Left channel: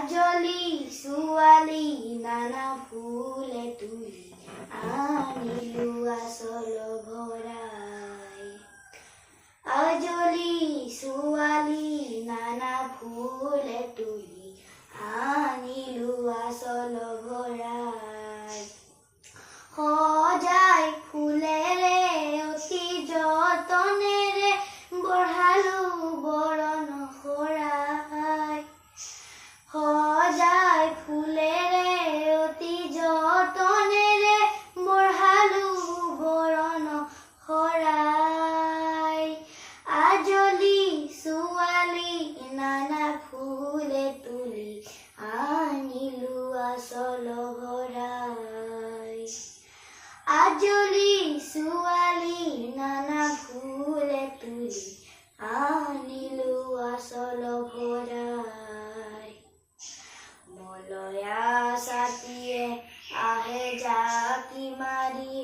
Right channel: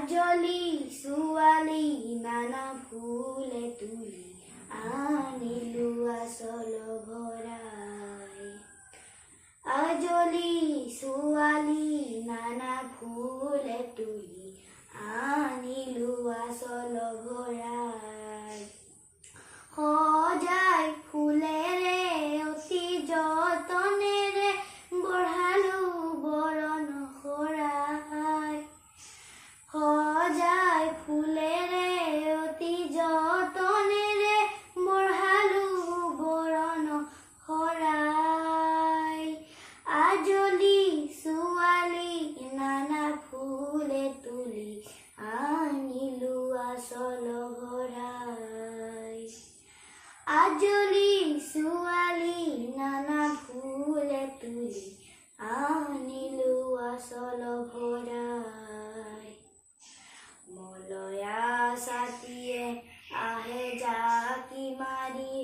আজলি ছোৱালী নানা ফুলে তুলি আনিলো আচল ভৰাই আজলি ছোৱালী নানা ফুলে তুলি আনিলো আচল ভৰাই সজাই ফুলেৰে অতি যতনেৰে বঢ়ালো বৰণ শৰাই সজাই ফুলেৰে অতি যতনেৰে বঢ়ালো বৰণ শৰাই আজলি ছোৱালী নানা ফুলে তুলি আনিলো আচল ভৰাই আজলি ছোৱালী নানা ফুলে তুলি আনিলো আচল ভৰাই মলয়া ছাতিয়ে আহে জাকি মাৰি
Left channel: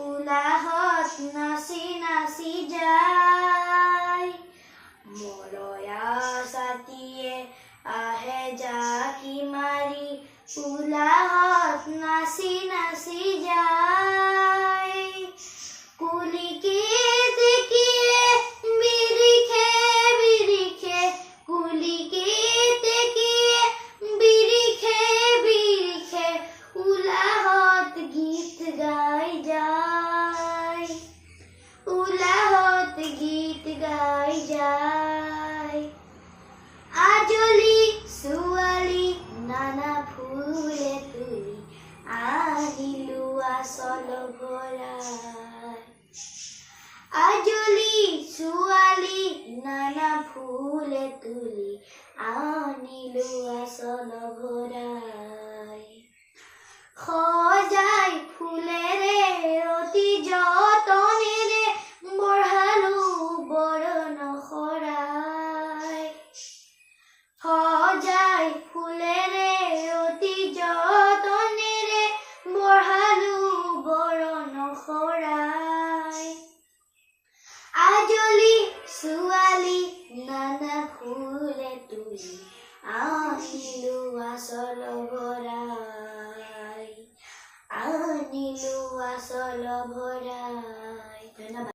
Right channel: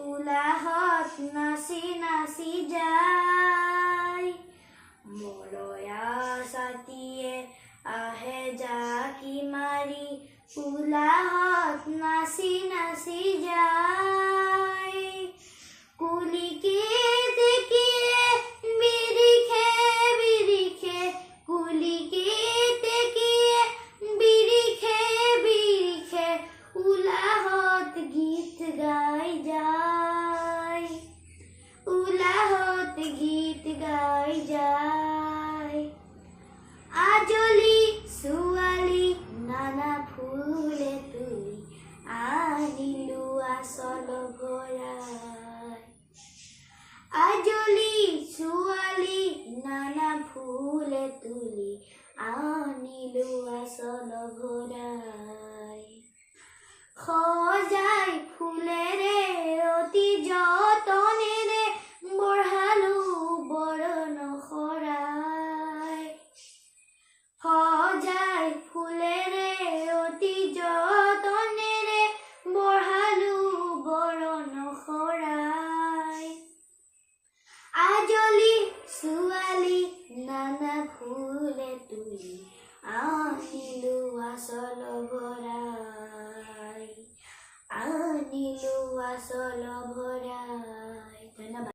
উলাহত নাচি নাচি যায় মলয়া ছাতিয়ে আহে জাকি মাৰি উলাহত নাচি নাচি যায় কুলিকে দেখিয়ে বিৰিখে বিৰিখে কুলিকে দেখিয়ে বিৰিখে বিৰিখে উলাহত গীত গাই যায় উলাহত গীত গাই যায় আজলি ছোৱালী নানা ফুলে তুলি আনিলো আচল ভৰাই আজলি ছোৱালী নানা ফুলে তুলি আনিলো আচল ভৰাই।